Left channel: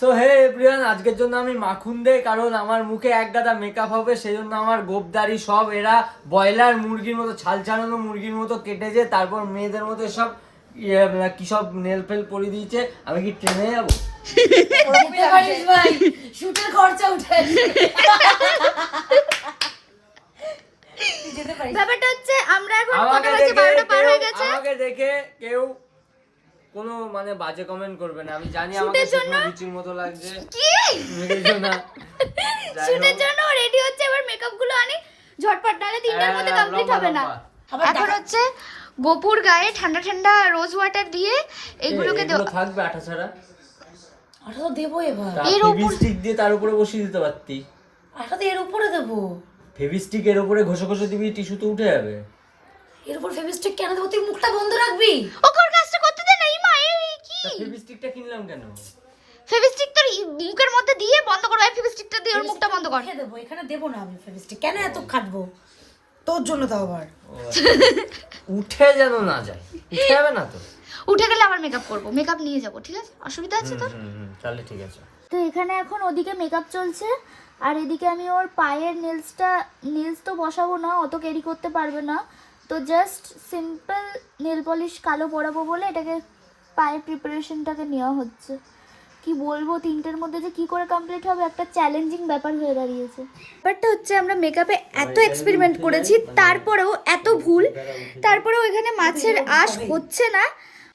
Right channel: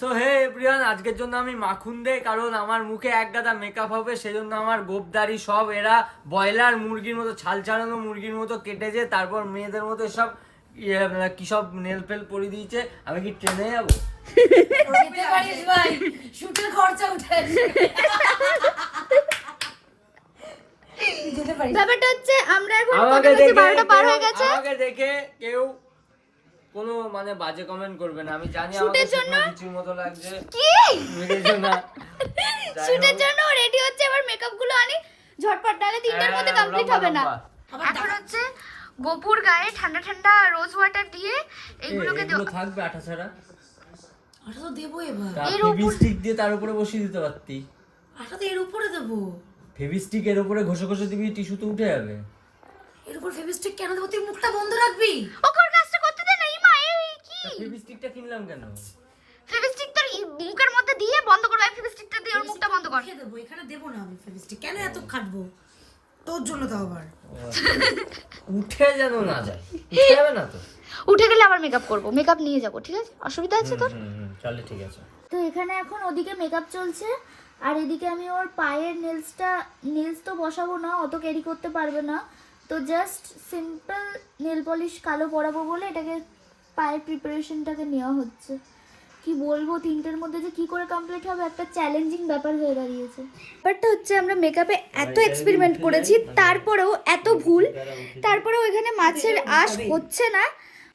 তো হে এভরিওয়ান, আজকের জন্য আমি মাখন দে, কারণ আমার মুখে এক গাদা মেকআপ হবে, সেজন্য আমার গোপদারি সব এরা ব্রয়লার মুরগির মতো ছাল ছাড়ানো মুরগির মতো কেটেছে, তারপর মেয়েদের মতো সব কি সব নেল ফেল পরিয়ে দিয়েছে। আমি কি ট্রেনে যাবো? যেতে পারিস ভাই, শুটের খরচা উঠে ব্যাপারটা হচ্ছে আমরা এখন কত বাজে 12টা পার হয়ে গেছে। আমাকে দেখে কেউ কোনো মানে বাজে কমেন্ট করবে না। আমি জানি শুটের জন্য কিছুর মতো লাগছে কি শুটের জন্য রেডি হচ্ছে, এবার মেকআপ গুলো আনি ঝটপট, নালে 3টার মধ্যে কমপ্লিট হবে না। এখন হচ্ছে গোপুর গায়ে ঠান্ডা ঠান্ডা রোজ ওয়াটার দিয়ে এগুলোকে এগুলো থাকবে আঠা ছাড়া। আটা তো দেবো এবার, ফেভিস্টিক দিয়ে তার উপরে বসিয়ে দিতে পারতি। আটা তো এর উপরে দেবো। ফেভিস্টিক এর উপরে ঘষে ঘষে দিবি, টিস্যু তো উঠে যাবে। এর উপর ফেভিস্টিক কেন দেবো? তুই মুখটা বন্ধ রাখবি। ওকর কাজটা করতে দে না। ইমা এই কি ফেভিস্টিকটা কিনলাম কেন? ফেভিস্টিক তোর মুখের মধ্যে দিয়ে বন্ধ করো, এই ফেভিস্টিকটা দিয়ে ওর মুখটা বন্ধ কর। রেখে দেবো, এখানে দেবো না আমি ফেভিস্টিক। কেন এত খাটবো তোর জন্য? তো আবার উঠে যেন না যায়। উঠে যাবে না তো? উঠে গেলে আবার মেকআপ করব, মেকআপ নিয়ে যাব, ঠিক আছে? অসুবিধা আছে তোর? তাহলে ঠিক আছে। তো এখানে এখন ওদিকে মেকআপ চলছে, আর এদিকে আমি ওর পায়ের নেলস তো বসাবো না, অত ক্যারি করতে পারবে না, তো জাস্ট সিম্পল নেল পলিশ কালো পরাবো বলে এটাকে পায়ের প্রিপারেশনটাকে নেওয়া হচ্ছে। কি বলবো, 3টের মধ্যে যে কি করে কমপ্লিট হবে একটা চ্যালেঞ্জিং ব্যাপার হয়ে দাঁড়িয়েছে। ব্যাপারটা হচ্ছে আমরা মেকআপে এত এক্সপেরিমেন্ট করেছি, তারপরেও এত ভুল, তারপরেও এখানে মাছের আঁশ হচ্ছে না।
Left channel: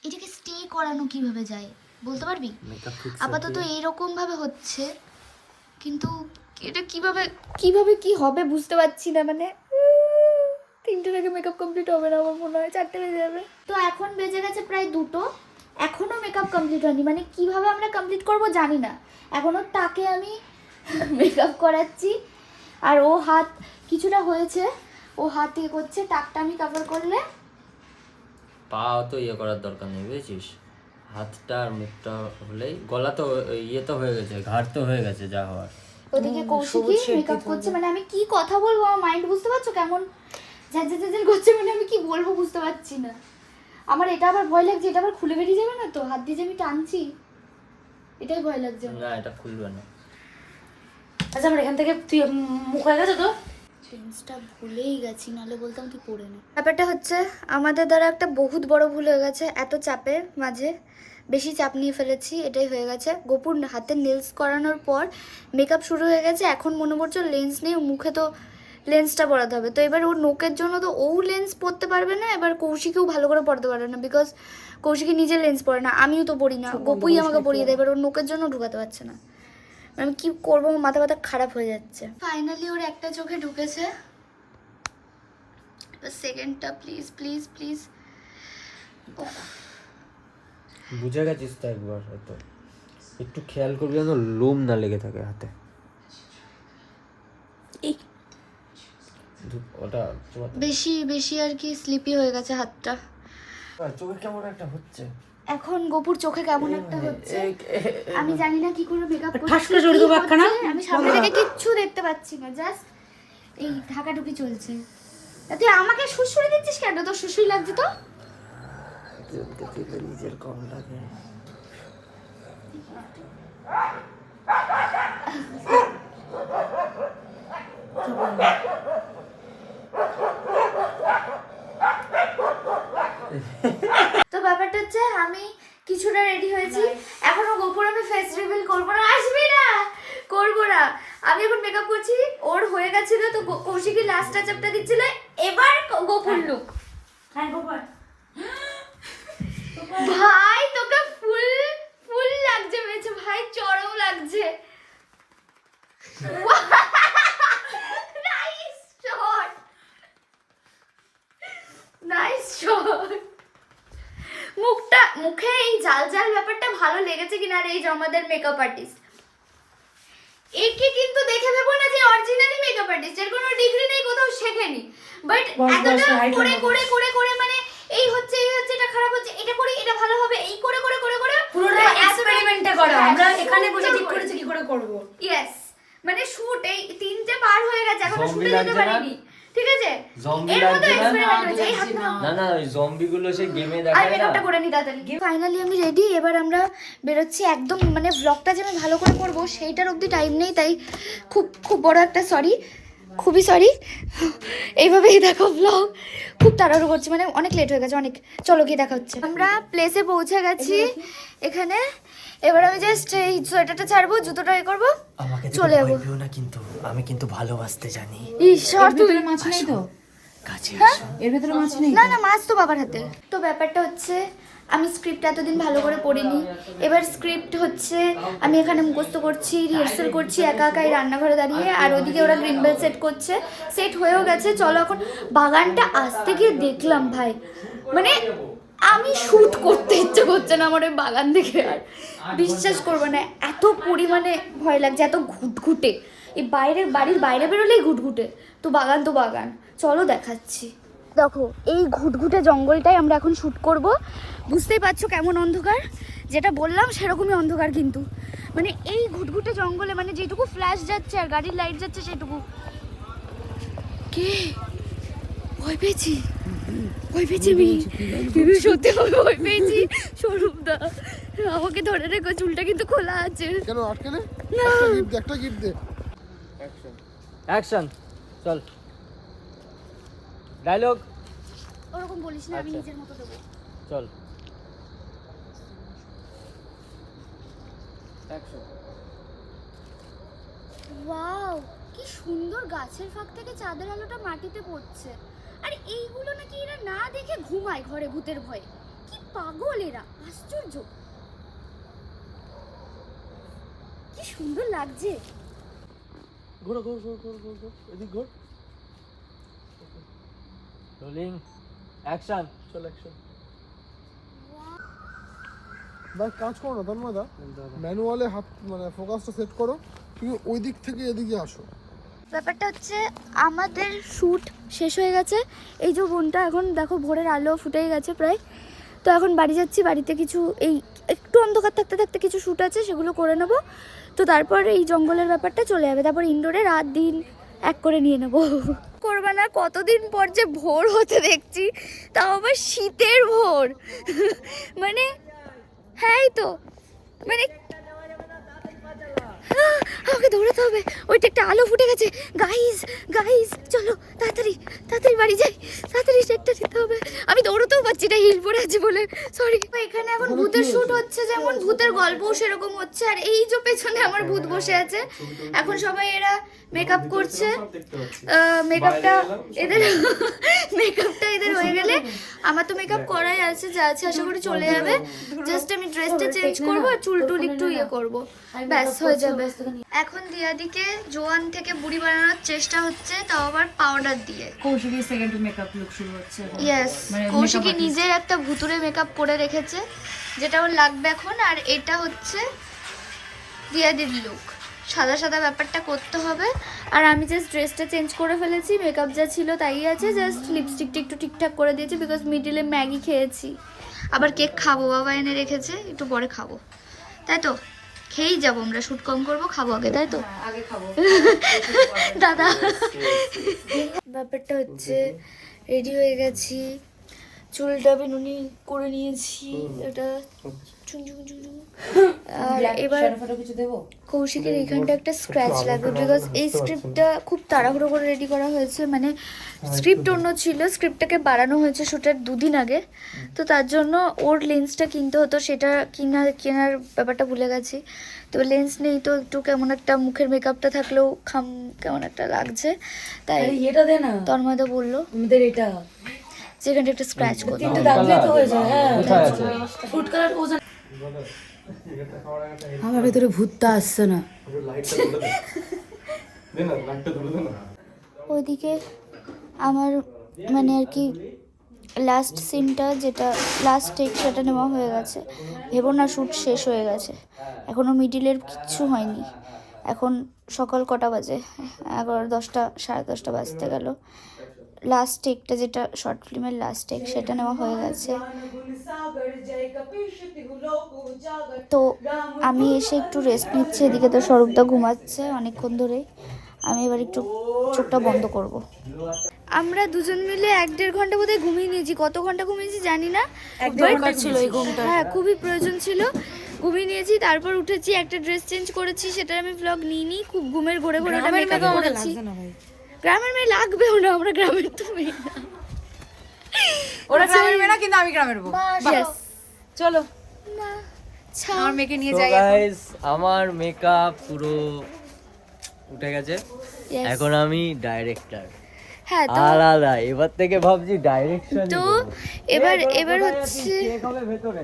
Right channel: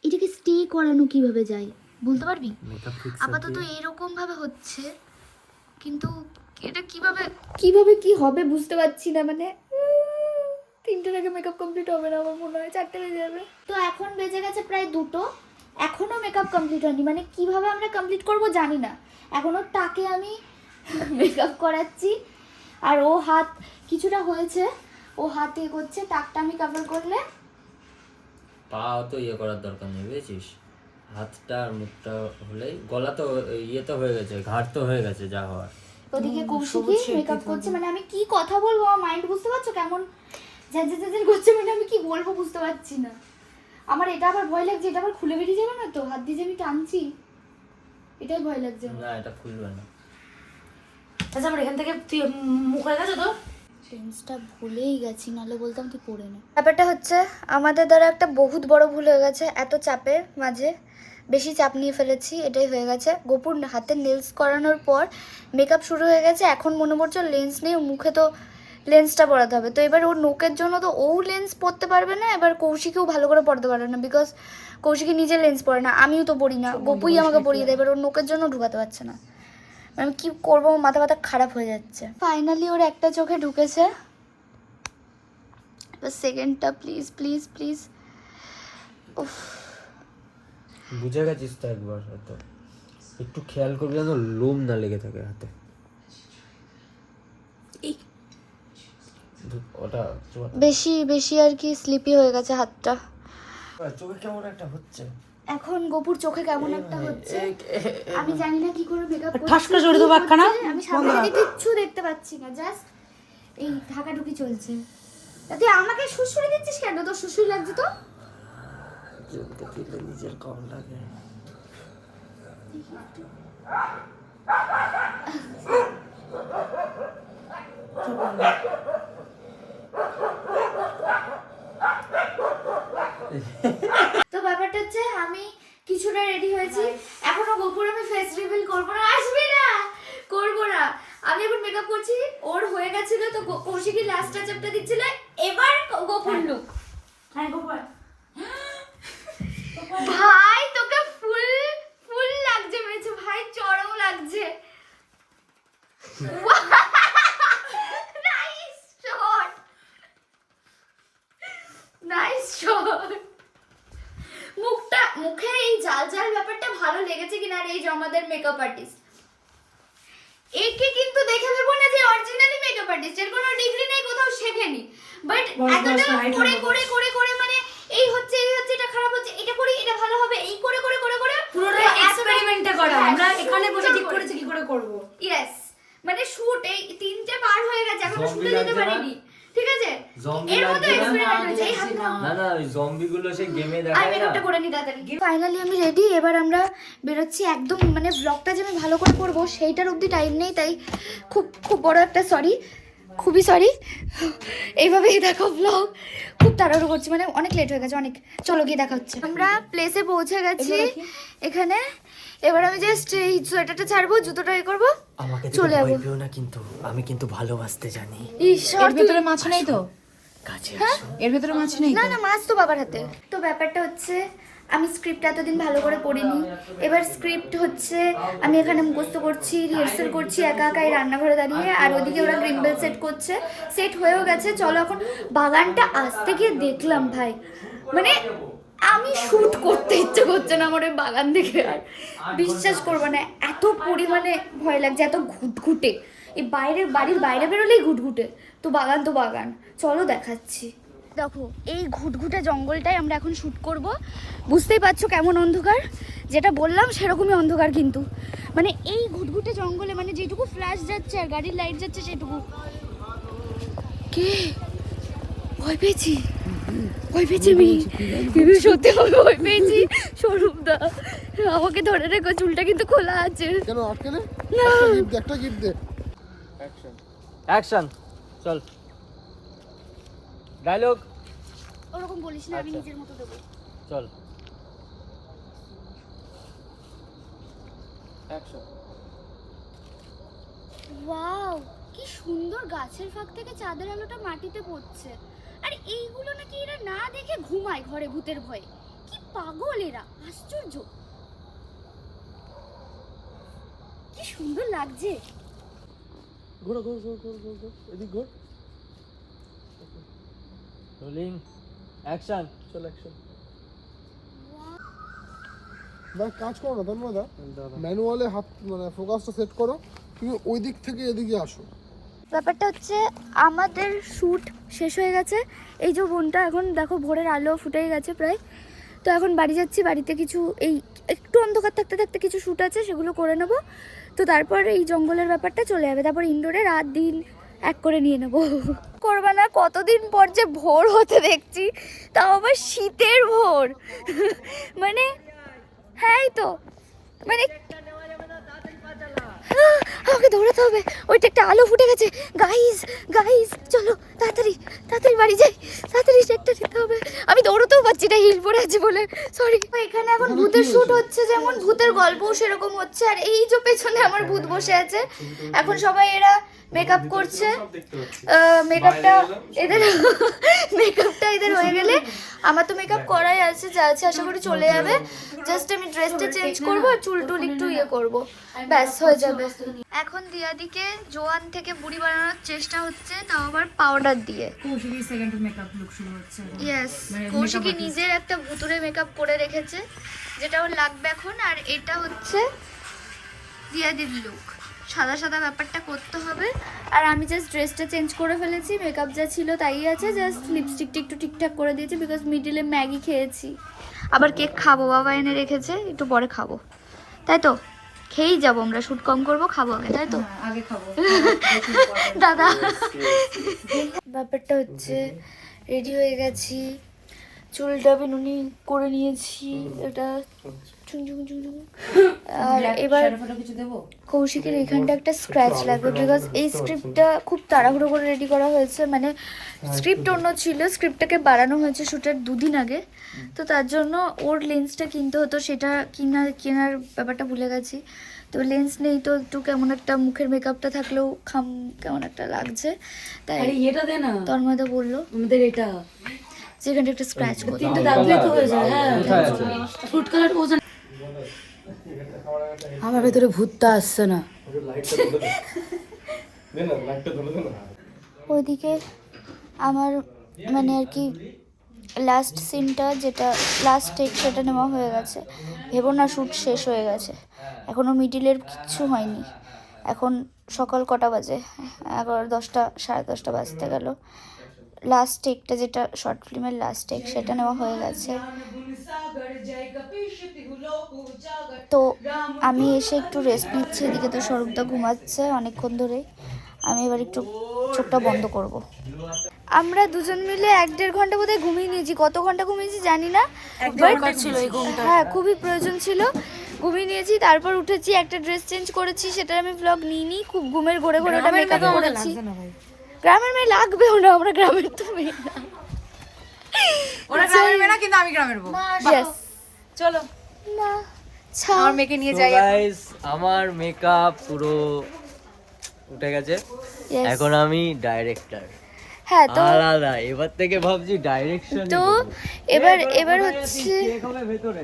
এটাকে স্টে করানো কিভাবে যায় বলতে পারবি? আপাতত এইরকম ভাবে হচ্ছে, কিন্তু এটা কিভাবে কি হবে বুঝতে পারছি না। মানে 3টের আগে মেকআপ কমপ্লিট হবে না আমার মনে হয়, 4টে বেজে যাবে। তো এখন বেজে গেছে প্রায় 2টো, এখনো মেকআপ কমপ্লিট হয়নি। মানে কিভাবে আমরা কমপ্লিট করব জানি না। এখনো তাকে আমি মেকআপ করাচ্ছি, আর ও হাত কিছুটা হয়েছে, ও হাত ইয়ে করছে, টাকটা আমি কভার করলে। পা তো ইয়ে করার দরকার নেই, বুঝেছিস? হাতটা আর মুখটা হলেই, গলা তো ইয়ে তো হয়ে গেছে, ঘাড় তো হয়ে গেছে যা হওয়ার। ওদিকে কৌশিকী মেকআপ করছে, মানে আমি কি কথা বলবো আমার মাইন্ড বুঝতে পারছো কেমন ঝাঁঝাঝাঝাঝ করছে, মানে আমি কি বলবো বুঝতে পারছি না। আমার এটা আবার ভয় লাগছে, এটা আবার খুলে বেরিয়ে যাবে না তো, হাত দিয়ে যে আমি টানছি, এটাই ভয় লাগছে। না, এটা খুলবে না। আচ্ছা আমার এখান থেকে তুই মুখ হয়ে গেছে তো? লেন্সটা ভুলেই গেছি, নাহলে বলতাম তুই পরে নে। ব্যাপারটা হচ্ছে আমাদের দ্বারা একটা বহুত বড় ভুল হয়ে গেছে, এত চাপের মাঝে বেশি চাপ নিয়ে ফেলেছি, এটাই হয়ে গেছে। গোপুর হাতে নেলস করানোর পর মেকআপ শুরু হয়ে গেছে, এখন মনে পড়ছে লেন্স নেই, মুখে তো লেন্সটা পরাতে হবে। তো এবার ওর নোকের জন্য তো ও লেন্স পরতে পারবে না, এবার কৌশিকেও ভালো করে পরতে পারবে না, বিকজ কৌশিকী নিজে লেন্স পরে না, আমিও তো পরি না, গোপুই আমাকে পরিয়ে দেয়, এবার ওর নোকের জন্য ঢুকাতে পারছে না। আমি কি করবো, মাথা ব্যথা খারাপ হয়ে যাচ্ছে। ফাইনালি ওর একটা চোখে ঢুকেছে, এবার সেকেন্ডটা প্লিজ প্লিজ প্লিজ। বুঝে গেছিস তো একবার, হয়তো একটু খেয়াল করবি যেন লোম না লেগে থাকে হাতে। ওটা বেশি বেশি আর কি স্লিপি হয়ে গেছে হাতটা। চোখে কেমন একটা হচ্ছে এখন গোপুর চোখে কেমন একটা হচ্ছে, আমি জানি না কি করে মেকআপ ঠাস করে জড়িয়ে দেবো একখানা। আমি সামনে থেকে কিচ্ছু দেখতে পাচ্ছি না, জাস্ট এই ঢাকাঢুকি চলছে। তুই আমাকে সুসুরি দিচ্ছিস কেন? তোর সুসুরি লাগছে তো? একজনকে দিলে নিজের কম লাগে। তো ব্যাপারটা হচ্ছে আমি কিছুটা রেডি হয়েছি, এখনো গোপুর আমি ফেস রিভিল করবো না, আসবি না, করবো না। আমি এখন মেকআপ করছি, ওর হয়ে গেছিল তো কৌশিকী লাস্ট টাচআপটা দিচ্ছিল, এবার গোপুর লুক। হ্যাঁ গোপাল ভাই তোকে ফুল ফুল লাগছে মেয়েছে ভাই, চরম লাগছে। Nice shot, nice shot. মুখে এই জাল জাল ব্যাপারটা ভালো লেগেছে কিনা? আর এই যে আমাদের মেকআপ আর্টিস্ট, একে কিন্তু দেখে ভেবো না যে অরিজিনালি মেকআপ আর্টিস্ট, এর কোনো ডিগ্রি নেই, কোথাও শেখেনি, বাট এতটা করে করে করে করে মানে এই হচ্ছে এটা খারাপ হচ্ছে, এটা করি এটা ভালো হবে, এই করে করে করে করে পুরোটা এক্সপেরিমেন্টে করা। আমরা এখানে বসে ঠিক করেছি কি করে করব। ইয়েস, মানে শুট এই 3টে পার হয়ে গেছে, এখনো শুটে যেতে পারিনি। ঠিক আছে জম্বি এর মধ্যে লাগবে না? এক্সপেরিমেন্ট হচ্ছে এই হাত না না ওই জম্বি গুলো সেই গেমে আমি দেখায় না। মেকআপটা করে নি তাড়াতাড়ি। ফাইনালি আমি রেডি, এবার আমরা বেরোচ্ছি। একদম মানে ব্লগটা যে আমি ভালো করে করবো সেইটার অবধি টাইম নেই, তাই খুব খুব বড় একটা সরি, খুবই সরি। এইভাবেই দেখো ব্লগ খুব তাড়াহুড়ো করছি, মানে অনেক লেট হয়ে গেছে অনেক। চলো গিয়ে দেখা হচ্ছে। আমরা প্লেসে পৌঁছে গেছি এখানে। এবার আমি জাস্ট এই সোয়েটারটা ছাড়বো, জুতোটা এ করবো, আমাকে চলে যাবো। ভয় না, কিন্তু আমি কিন্তু ভালোবাসতে জানি। ঈশ্বর তুই ভিতরে মাছ নেই তো? কাছে এর ভিতরে মাছ নেই? না না, মাছ তো বাবার হাতে। তো ব্যাপারটা হচ্ছে আমি স্ক্রিপ্ট এতদিন ভালো করে পড়িনি, এবার স্ক্রিপ্ট হচ্ছে আমি এখানে মুখস্থ করছি, রিহার্সাল করছি একা একা এই রান্নাঘরে দাঁড়িয়ে, আর ওদিকে ওরা গ্রিম্বেল সেট করছে। সেট হয়েও গেছে, চলো এখন বাগানটা আসতে গিয়ে দেখলাম ভাই, মানে আমি শ্যুট করতে ইচ্ছে করছে না আমার ওই বাগান দেখে। আর বিশ্বাস করবো না, এত পরিমাণে ভয় লাগছে, এত ঘুটঘুটে। এই বাইরের বাড়ির বাইরে বেরোলেই ঘুটঘুটে, তো বাগান তো বাগান। চলো দেখাচ্ছি। দেখো এই ঘুটঘুটে জঙ্গলটাই আমরা এখন শ্যুট করব। বুঝতেই পারছো কেমন অন্ধকার, যেটা বললাম সেরকমই অন্ধকার, কিন্তু মানে এই ঘুটঘুটে জঙ্গলে মানে যেটুকু ফ্ল্যাশ যাচ্ছে আর গাড়ির লাইট যাচ্ছে সেটুকু। কে ভয় পেয়েছি, ভয় পেয়েছি আমি সত্যি আমি ভয় পেয়েছি। স্বরূপদা আমাকে ধরে রেখো, চুলটা কিন্তু খোলা আছে। কেন আটকে নে? না। একটা গিফট দে। অ্যাকশন চল। ডায়লগ ওরকম বলিস না, আমি নিজের মতো দেবো। চল অ্যাকশন। ওয়াও, কি সুন্দর গাছের ফাঁক থেকে চাঁদের আলোটা মাটিতে পড়ছে। আর এইগুলো নাকি এরা না দেখে ঘুমায় ঘরে ভূতের ভয়ে। কি পাগল এরা, আশ্চর্য। কি সুন্দর লাগছে। ঘোরো ঘোর ঘোর ঘোর ঘোর ঘোর এদিক ঘোর। Rolling action. চল অ্যাকশন। ভাই কাজ করো না তন্ময়দা, ম্যানুয়ালে হাত মানে ফোকাসটা সেট করো, তুমি ওই দিক থেকে এদিকে আসো। ব্যাপারটা হচ্ছে আমাদের শ্যুট শেষ হয়ে গেছে। এই যে বোনটা এখন দেখো ভোরের আলো ফুটেই গেছে প্রায়। তো এখন বাড়ি যাচ্ছি, বাড়িতে কিছু এই একটু অন্ধকার থাকতে থাকতে কিছু শ্যুট আছে সেগুলো করে নেব। তো তারপর এই জঙ্গলের ব্যাপারটা চলে যাবে, তারপর ইনডোরে রাত দিন এক করে নিয়ে নেব। করবা না, কতদিন পর যে ভোর হতে দেখছি, তাও আবার শীতের ভোর। মানে হ্যাঁ এই তো মানে আমাকে দৌড়াতে হবে, ওইটা একটা আলো ফুটে গেছে। গাইস গাইস চলো তাড়াতাড়ি তাড়াতাড়ি বাড়ি যাই, তাড়াতাড়ি একটা দিতে হবে। আমি দৌড়তেও পারছি না, হিল পরে আছি বলে, সরি। এখানে এখন ভূতের শ্যুট হচ্ছে, যেমন ভূতের গল্পও সেরকম হচ্ছে। আর এই যে পেছনে আমার ভূত বসে আছে, এখন সবাই এরা মেকআপ করছে। মেকআপটা এদের হয়ে গেলে আমার তো মেকআপ করাই আছে, যা আছে আশা করি চলে যাবে। জাস্ট আমি ড্রেসটা চেঞ্জ করবো আর চুল টুল একটু ইয়ে করবো, ব্যাস হয়ে যাবে। এখন দিয়াদিকে জোয়ান থেকে বুড়ি বানানোর চেষ্টা হচ্ছে, তাও আবার পাউডার দিয়ে। কৌশিকী সেকেন্ড মেকআপ লুক শুরু হচ্ছে এখন। ইয়েস, মানে কৌশিকী makeup artist। নিজের একটা ভুতুরে মেকআপ করে রেখেছে, যেটা ওর লাগবে এখন। আর এটা হচ্ছে দিয়াদির লুক, সাদা সাদা ব্যাপারটা করতে হবে। আর আমি জাস্ট ড্রেসটা চেঞ্জ করে ফেলেছি, মেকআপ যা ছিল তাই আছে, জাস্ট লিপস্টিকটা একটু ঠিকঠাক করে দিয়েছি, বিকজ মিডিলে ম্যাগি খেয়েছি। আবার কেক খাবো, বাবা এনে রেখেছে, একটু পরে খাবো। তাই তো খেয়েই যাবো আমরা, শুট কম করবো, খাবো আগে, তাই তো আগে খাবো। দাদা। ব্যাপারটা হচ্ছে রেডি হয়ে গেছি, চুলটা বেনুনি করে নিয়েছি, এটা চুং চুং চুং চুং। আর এবার কিছু দেবো? কৌশিকের এইখানটা একটা স্ক্র্যাচ লাগবে, বিকজ এই স্ক্রিপ্টটা খুব তাড়াহুড়ো করে রেডি করা হয়েছে। মানে স্ক্রিপ্ট অন্য ছিল, স্ক্রিপ্টটাকে বাড়ানো হয়েছে শ্যুটের 2 দিন আগে। তো তার জন্য ওর লেন্সটা কিনতে হতো, সেটা কেনার ব্যাপারটা ভুলে গেছি। তো লেন্স নেই, তো একটু কেমন একটা মুখের মেকআপটা থাকলেও কেমন একটা লাগছে, তাই এটা দে না, তন্ময়দা বললো আমাদের এটা যেখানটা একটা স্ক্র্যাচ করতে। কিন্তু দাগলে তো হয়ে যায়। হ্যাঁ, ফুড কালার বোঝা। আমার ভেতরে ভূতটা আসছে না। ওইদিকে আমার মানে আর কি লাস্ট সিনটা, যেটা লাস্ট টেক, সেটা নেওয়া হয়ে গেছে। ভেবো না শ্যুট শেষ হয়ে গেছে, এখনও মিডিলের কিচ্ছু হয়নি। এখন সকাল কটা বাজে, 11, 10টা, 10:30 বাজতে গেল। লাস্ট টেকটা, যেটা শর্ট ফিল্মের লাস্ট টেক, সেটা নেওয়া হয়ে গেছে। তো আমি এসে একটু রেস্ট নিচ্ছি, এদিকে তো স্বরূপদা ঘুমাচ্ছে অনেকক্ষণ ধরেই। আমি এবার একটু চোখটা বন্ধ করব। আমরা দুজন মিলে 1-1.5 ঘন্টা বোধহয় ঘুমিয়ে নিয়েছি, কত ঘন্টা ঘুমিয়েছি জানি না, দরকার ছিল এই ঘুমটা। হ্যাঁ খুবই প্রয়োজন ছিল, ঘুমিয়ে নিয়েছি। তারপর উঠেছি, একটা ড্রেস চেঞ্জ করেছি, সেটার আমি ব্লগ নিইনি, খুব ঘুমের ঘোরে ঘোরে ওটা মেকআপ করেছি। গ্রামের মেয়ে লাগবেও না, আমরা গ্রামের তো মেয়ে না। ওরা গ্রামের মেয়ে না, কিন্তু আমি গ্রামের বউ। Yes. চলো না, আমার মেয়েকে নিয়ে তো যাই। গাইস আমার মেকআপ পুরো উঠে গেছে, Yes. এখন আমি ডাইরেক্টর হ্যাঁ তো আলাদা, এবার থেকে ভাবছি ডাইরেকশন। তো এবার হচ্ছে ভেতরে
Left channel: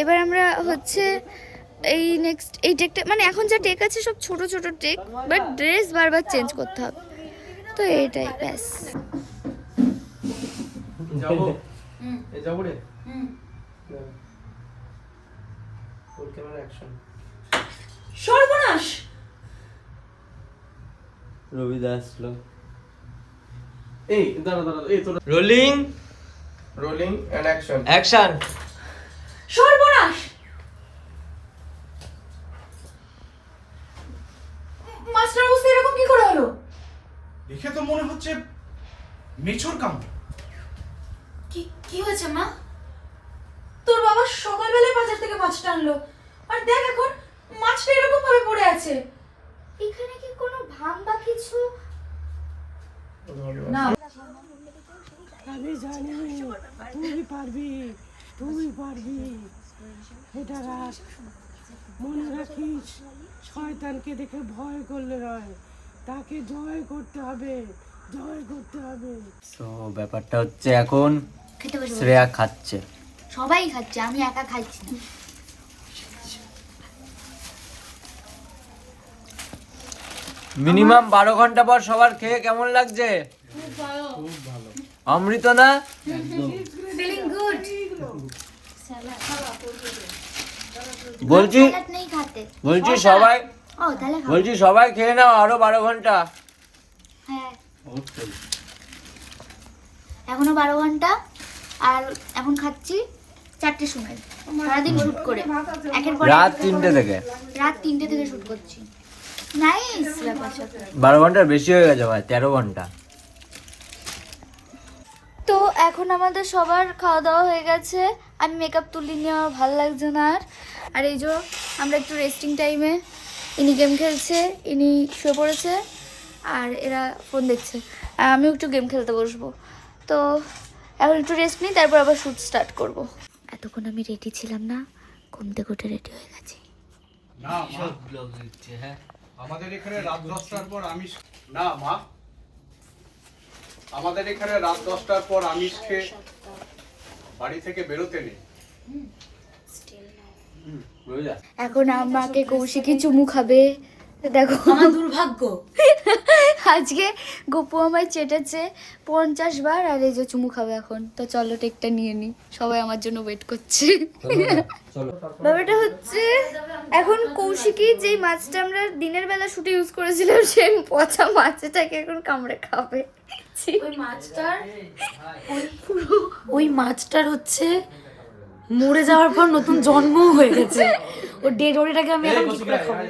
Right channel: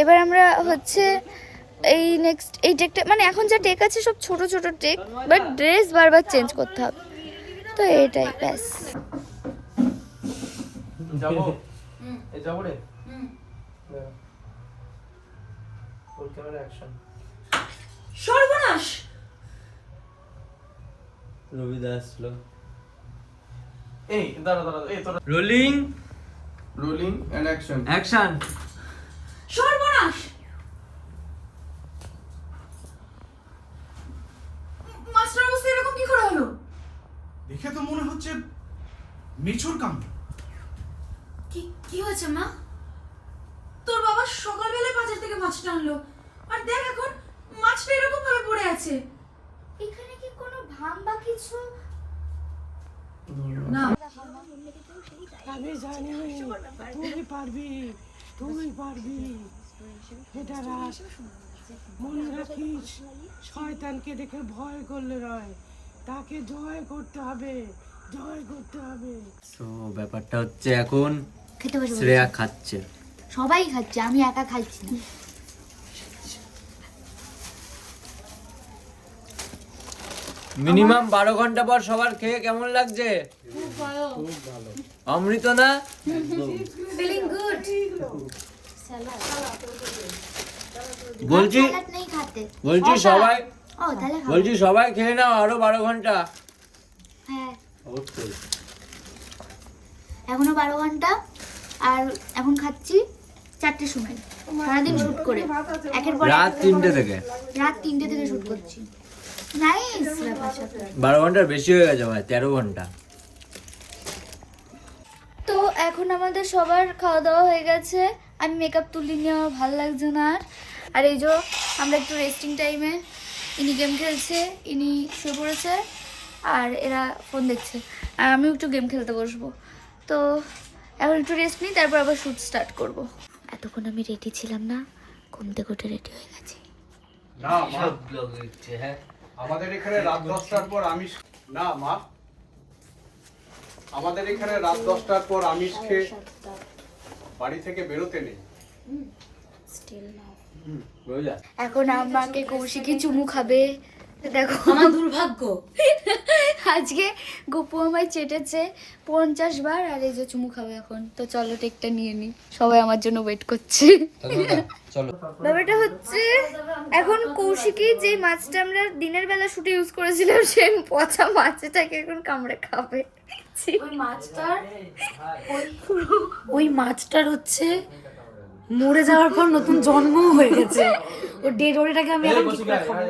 এবার আমরা হচ্ছে এই নেক্সট এই টেকটা, মানে এখন যা টেক আছে সব ছোট ছোট টেক, বাট ড্রেস বারবার চেঞ্জ করতে হবে, তো এটাই ব্যাস। যাবো এই যাবো রে ওর ক্যামেরা অ্যাকশন সর্বনাশ! রবি দাস লো এই দাঁড়া এই তো rolling rolling and action action. সর্বনাশ! মাস্টার অবস্থা এরকম কি করে হলো? দেখে তো মনে হচ্ছে মেছর কাণ্ড। কি কি হয়েছে মা? তোর বাবা সকালবেলায় বাজার থেকে মাছটা আনলো, আর দেখ এখন মাছটা এরকম ভাবে পড়ে আছে। এখানে কি কোনো ভাম বা কিছু? না আমি জানি তুই পারবি, তুই পারবি। এটা রাখ, মনে রাখিস, শয়তানকে দেখে ভয় করলে নয়, তাকে জয় করতে হবে, জয় করতে হবে। তো ব্যাপারটা হচ্ছে এখন খেতে বসে শ্রেয়া খাচ্ছে, সবাই খাচ্ছে, আমি একা খাচ্ছি না। মিনিমাম 12 ঘন্টা পর সবার খেয়ে কেমন লাগছে? অমৃত না? Feeling good. বলছি স্যালাড নেই খাতে। বলছি সবাই ও তাহলে খাও। বলছি সবাই খেয়ে নাও আরো 12 ঘন্টা। হ্যাঁ অবশ্যই। এখনো 12 ঘন্টা, আর এখন খাচ্ছি 4টের সময়, সারাদিন শুট করে একের পর রাত 3টে থেকে রাত 3টে থেকে শুট করছি। নাইস ব্যাপার স্যাপার। 12 ঘন্টার বেশি হয়ে গেছে ভাই, 13 ঘন্টা। তো এখন আমাদের সবার খাওয়া দাওয়া হয়ে গেছে, আমি মেকআপ তুলিনি, আমার ভালো লাগছে না আর। আর এই যে আমরা একটু রেস্টিং টাইমে, ইনি গেম খেলছে, ইনি শুয়ে পড়েছে, আর এরা ফোন দেখছে, আর আমিও একটু গেম খেলতে বসবো। তো এখন একটু রেস্ট নিই, তারপর আবার শ্যুট স্টার্ট করব। এতক্ষণ আমি রেডি ছিলাম না, ঘুম থেকে উঠে রেডি হয়ে গেছি। না মা, হ্যাঁ আমাদের এখানে রাত 10টার পর আমিষ না মা, আমাদের এখানে রাত 10টার পর আমিষ খেয়ে বাড়ি থেকে বেরোতে নেই। বুঝলা? এখন আমাকে কৌশিকই চুমু খাবে, তো দেখো আমার দুর্ভাগ্য। আজকে গপু আমায় চেটেছে 50 বার, আর এই যে চুমু খাবে এখন। তো চলো টেকটা নিয়ে নি, সবাই আমার জন্য ওয়েট করছি। চলো। ব্যাপারটা হচ্ছে এখন কৌশিকী যেই মাছটা আমরা দিনের বেলা শুটে ইউজ করেছিলাম, সেই পচা মাছটাকে এখন কামড়ে খাবে। ওই মাছটার হচ্ছে মরে যাওয়ার পর নতুন জন্ম হয়ে গেছে, ও ডেড বডিটাকে আমি এখন কি করে খাবো?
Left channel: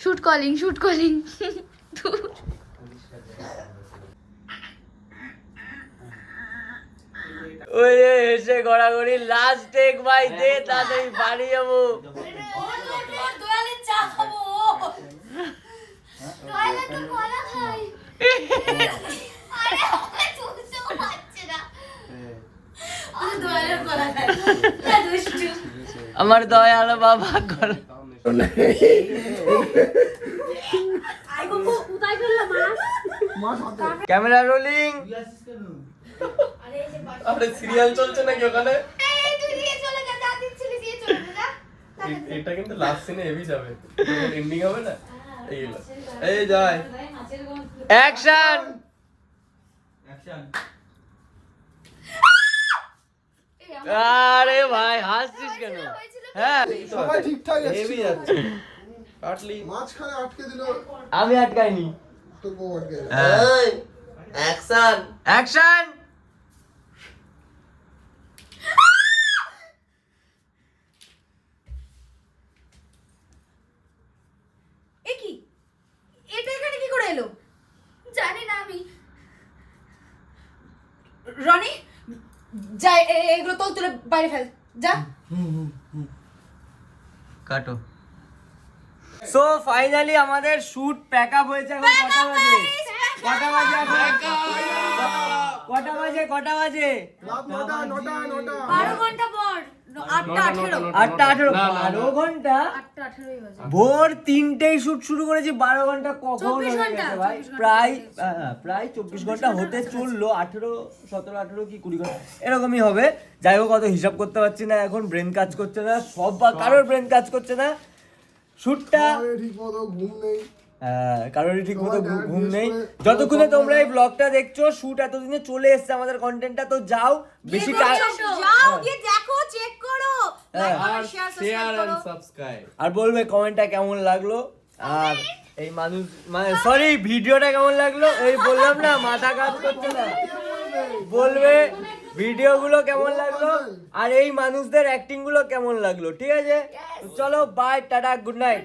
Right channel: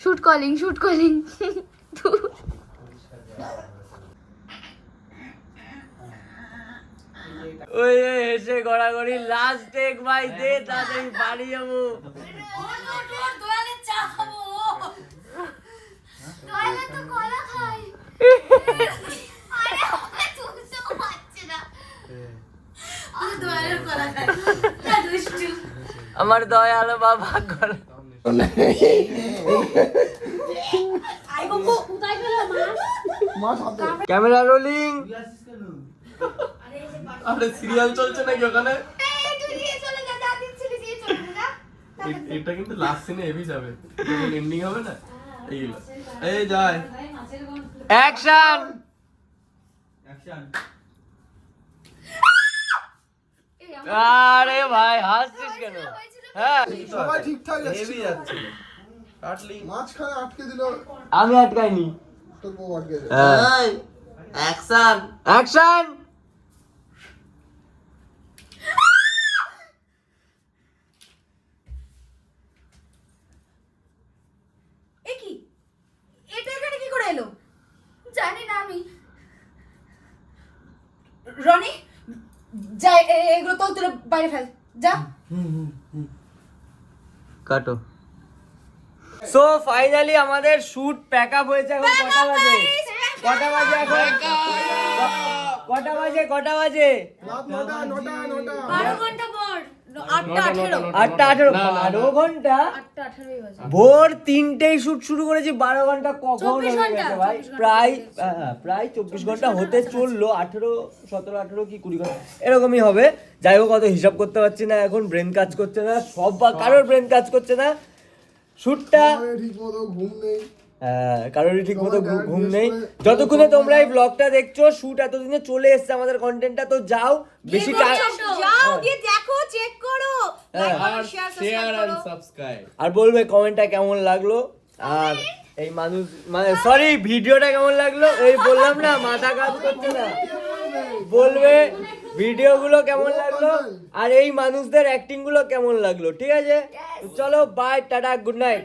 শুট কলিং ওই এসে গড়াগড়ি লাস্ট টেক ভাই, দে তাড়াতাড়ি বাড়ি যাবো। দোয়ালের চা খাবো। কলা খাই। দোয়ালের কলা খাই। দুষ্টু। আমার দয়াল বাবা করে ক্যামেরা রোলিং। আরে সিরিয়াল চলছে নাকি ওখানে? এটা কিন্তু লাস্ট সিনে হেভি যাবে, এন্ডিং হবে না। এই হলো, এই যায় অ্যাকশন। আরে ভাই হাসছিস কেন? হ্যাঁ সবাই ঠিকঠাক হেভি যাচ্ছে। কাটলি মাঝখানে আটকে দিল, আমি আটকাইনি। তোর বউ আটকে যায়। হ্যাঁ অ্যাকশন অ্যাকশন। এ কি? এটা এখানে কি করে এলো? জানি না আমি, রনি যা এগুলো তো তুলে বাইরে ফেল যা। কাটো। সো ফাইনালি আমাদের শুট প্যাক আপ হয়েছে। এখন কটা বাজে? কটা বাজে এখন? কটা বাজে? কটা বাজে? রাত 9টা 12 ঘন্টা পর 8:18 8:18 12 ঘন্টা। ভোর 3টেই শুট শুরু করেছি। 12 ঘন্টা কখন হয়ে গেছে ভাই? প্রায় 24 ঘন্টা হতে চললো। 18 17 18 কি 20 ঘন্টা এরকমই হবে। যাই হোক, অত হিসাব করতে পারছি না এখন, ব্রেন কাজ করছে না, সব বা কারোর ব্রেন কাজ করছে না। শুটটা ঠিক মতো ঘুম নেই। কারোরই ঠিক মতো ঘুম নেই। যতক্ষণে তোমরা এই ব্লগটা দেখছো, শুট এতদিনে চলে এসছে আমাদের কন্টেন্টটা। তো যাও, বেশি যাও গিয়ে দেখো, চেক করো, লাইক আর করো, শেয়ার শেয়ার সাবস্ক্রাইব এন্ড করো। সাবস্ক্রাইব। আর বলবে কমেন্টটা কেমন লাগলো, আর এই মানুষ সরি ভিডিওটা কেমন লাগলো। এই বললাম না, মাথা কাজ করছে না। বলবে ভিডিওগুলো কেমন লাগলো, আর এই মানুষদের অ্যাক্টিং গুলো কেমন লাগলো। ঠিক আছে, চলো বাই, টাটা, গুড নাইট।